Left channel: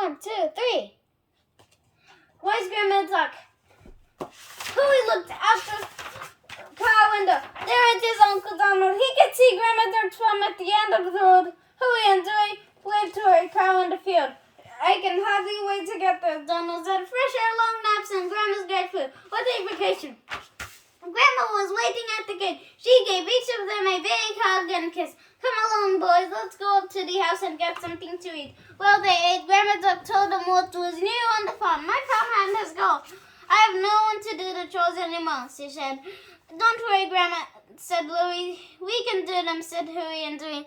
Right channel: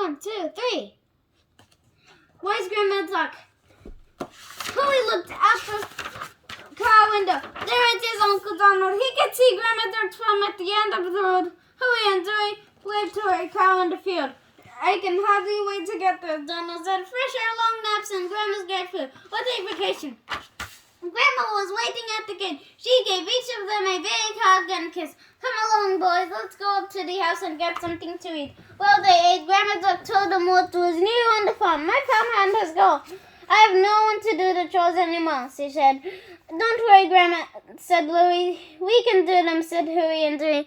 1, 2, 3. Wise Grandma Duck. Chloe looked out the car window. There it is, Uncle Donald. He could see Grandma Duck's farm at the end of the road. Huey and Dewey waved to her cow in the field. I can hardly wait to get there, Donald said. Fresh air, long naps, and Grandma's great food. What a vacation. Grandma was waiting at the gate. She gave each of them a big hug and kiss. Come along, boys. Let's go up to the house and get something to eat. Well, they ate. Grandma Duck told them what was new on the farm. My farmhand has gone. I have no one to do the chores anymore, she said. Don't worry, Grandma, said Louie. We can do them, said Huey and Dewey.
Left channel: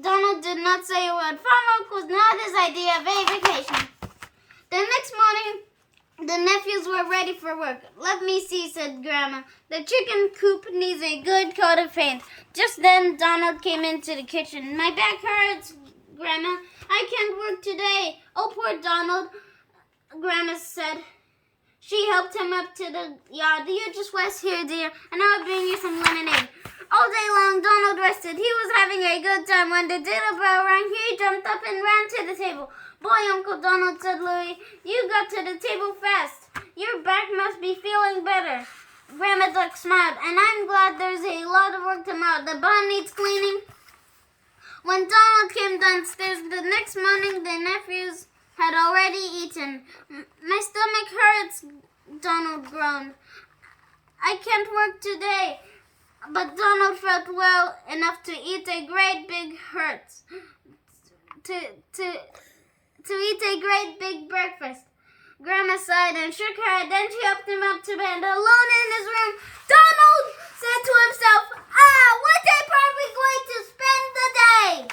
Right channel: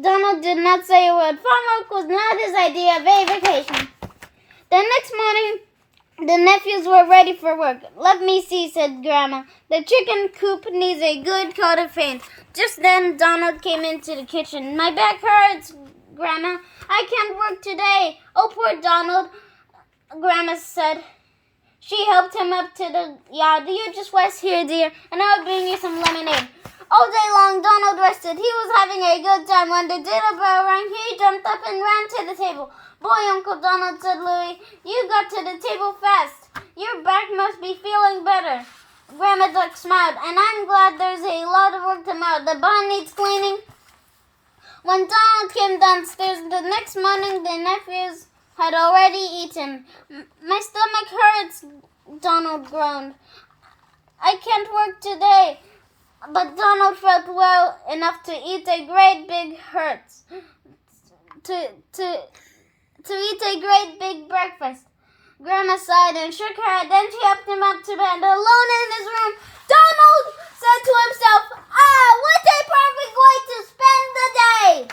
Donald did not say a word. Farm work was not his idea of a vacation. The next morning, the nephews were ready for work. Let me see, said Grandma. The chicken coop needs a good coat of paint. Just then, Donald came into the kitchen. My back hurts, Grandma. I can't work today. Oh, poor Donald, Grandma said. She helped him up to the yard. You just rest here, dear, and I'll bring you some lemonade. All day long, Donald rested. He was having a good time. When the dinner bell rang, he jumped up and ran to the table. Boy, Uncle Donald, said Louie, you got to the table fast. Your back must be feeling better. Grandma Duck smiled, and I'm glad there's a lot of work tomorrow. The barn needs cleaning. When Donald came downstairs the next morning, the nephews had already eaten. My stomach hurts, Donald groaned. I can't work today. But Donald felt well enough to eat a great big eat a great big breakfast. Grandma sighed and shook her head. Then she helped him up to bed. Alone in his room, Donald said to himself, what a perfect way to spend the day.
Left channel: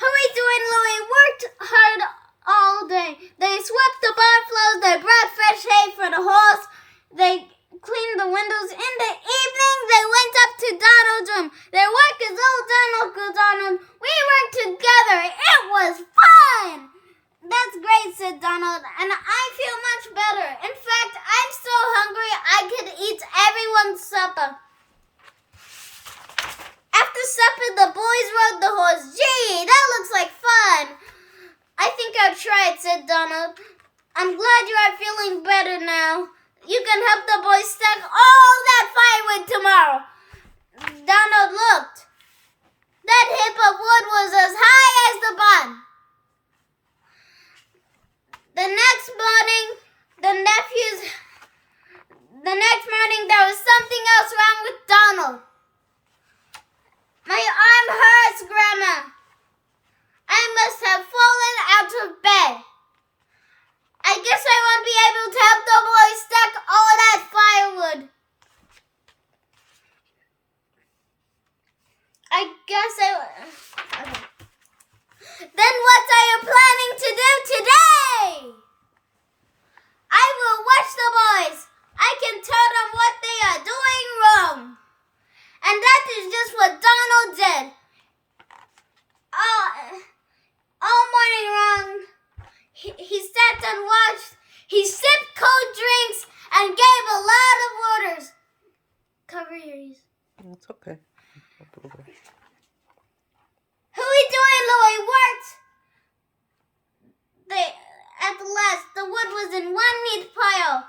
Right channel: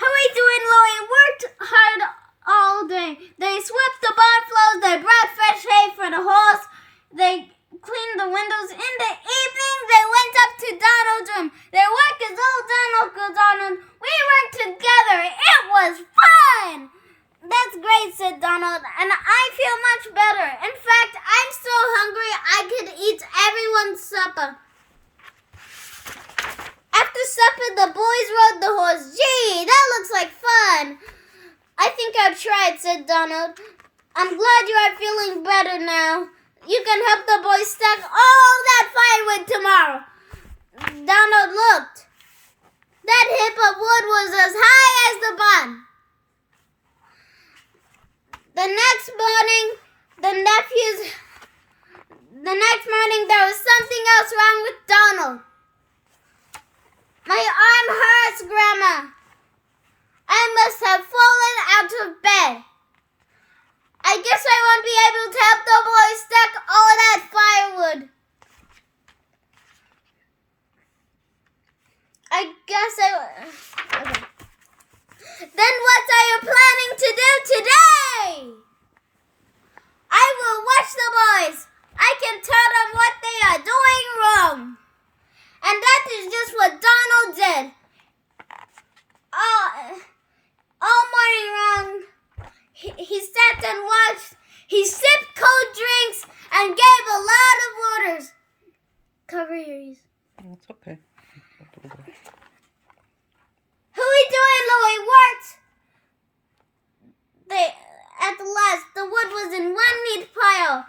Huey, Dewey, and Louie worked hard all day. They swept the barn floors. They brought fresh hay for the horse. They cleaned the windows. In the evening, they went up to Donald's room. Their work is all done, Uncle Donald. We worked together. It was fun. That's great, said Donald, and I feel much better. In fact, I'm so hungry I could eat everyone's supper. After supper, the boys rode the horse. Gee, that looks like fun. I think I'll try it, said Donald. I'm glad you are feeling better now. You can help the boys stack all that firewood tomorrow. Donald looked. That heap of wood was as high as the barn. The next morning, there was something else wrong with Donald. My arm hurts, Grandma. I must have fallen out of bed. I guess I won't be able to help the boys stack all that firewood. Okay. Then what are you planning to do today? I will watch the boys. I can tell them what they are doing wrong. And that is just what Donald did. All morning long, he sat and watched. He sipped cold drinks and gave a lot of orders. Cover your ears. It's okay. Huey, Dewey, and Louie worked. At last, the wood was in one neat pile.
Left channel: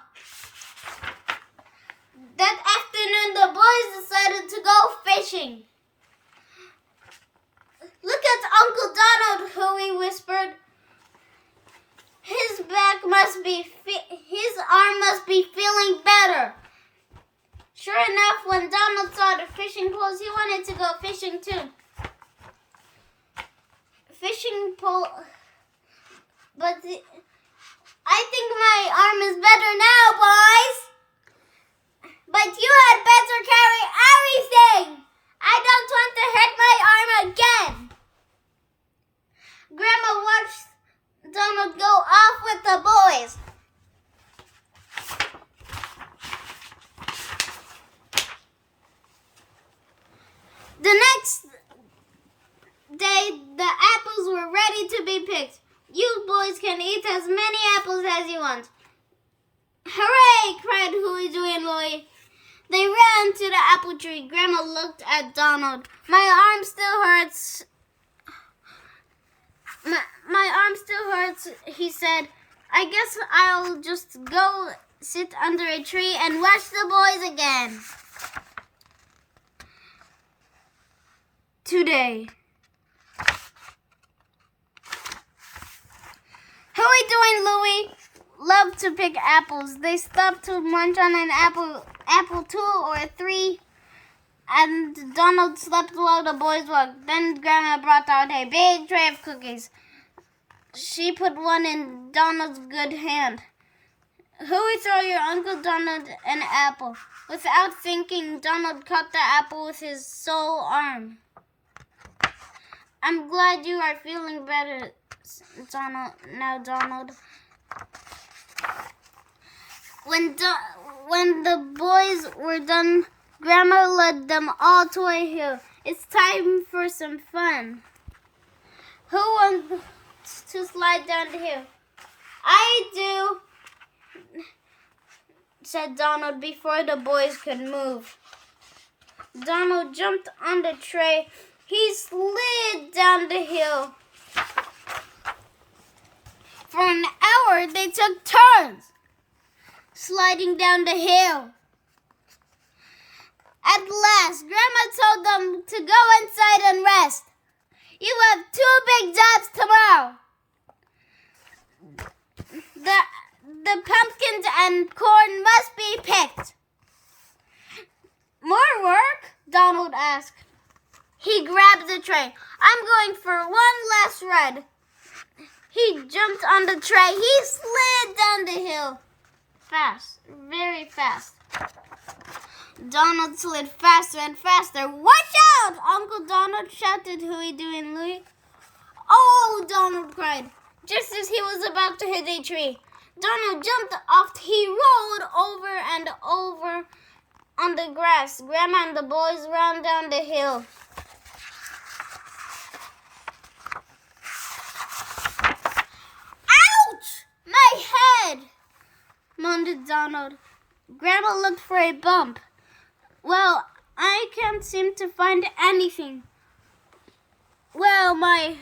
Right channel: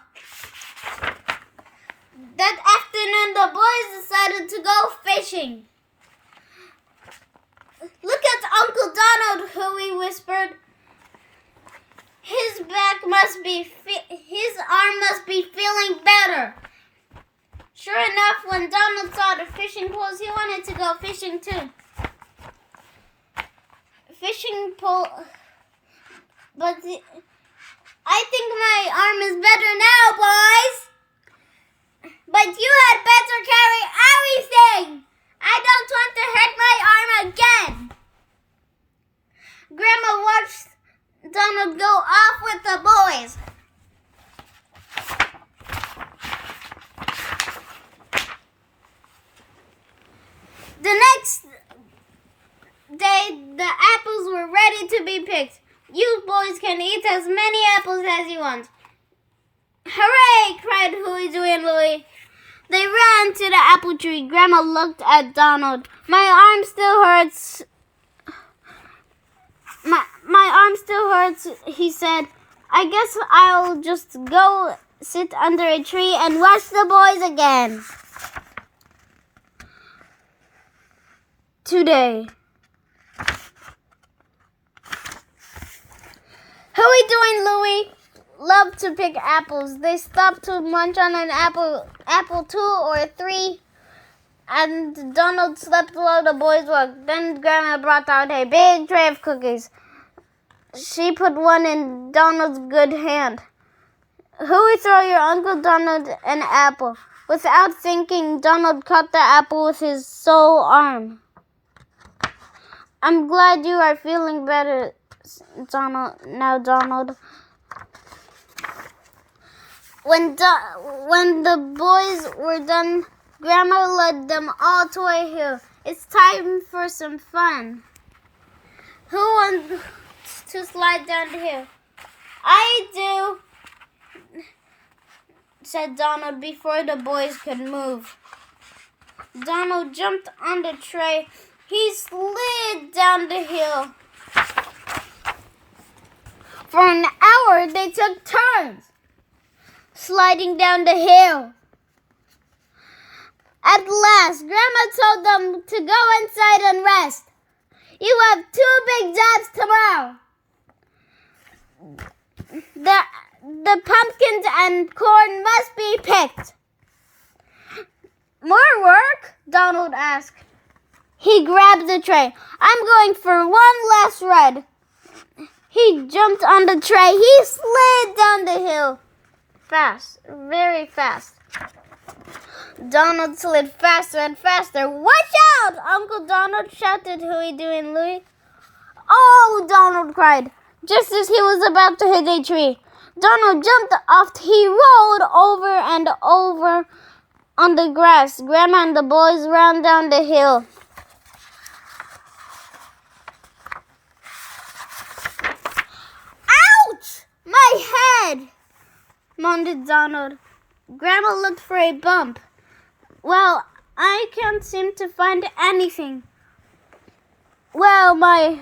That afternoon, the boys decided to go fishing. Look at Uncle Donald, Huey whispered. His arm must be feeling better. Sure enough, when Donald saw the fishing poles, he wanted to go fishing too. Fishing pole, but I think my arm is better now, boys. But you had better carry everything. I don't want to hurt my arm again. Grandma watched Donald go off with the boys. The next day, the apples were ready to be picked. You boys can eat as many apples as you want. Hooray! Cried Huey, Dewey, and Louie. They ran to the apple tree. Grandma looked at Donald. My arm still hurts. My arm still hurts, he said. I guess I'll just go sit under a tree and watch the boys again. Today. How are we doing, Louie? Love to pick apples. They stopped to munch on an apple 2 or 3, and Donald slept while the boys worked. Then Grandma brought out a big tray of cookies. She put one in Donald's good hand. Huey, throw your Uncle Donald an apple. Without thinking, Donald caught the apple with his sole arm. I'm glad you are feeling better, Donald. When the boys were done, Grandma led them all to a hill. It's time for some fun. Who wants to slide down the hill? I do, said Donald before the boys could move. Donald jumped on the tray. He slid down the hill. For an hour, they took turns sliding down the hill. At last, Grandma told them to go inside and rest. You have 2 big jobs tomorrow. The pumpkins and corn must be picked. More work? Donald asked. He grabbed the tray. I'm going for one last ride. He jumped on the tray. He slid down the hill. Fast, very fast. Donald slid faster and faster. Watch out! Uncle Donald shouted Huey, Dewey, and Louie. Oh, Donald cried, just as he was about to hit a tree. Donald jumped off. He rolled over and over on the grass. Grandma and the boys ran down the hill. Ouch! My head! Moaned Donald. Grandma looked for a bump. Well, I can't seem to find anything. Well, my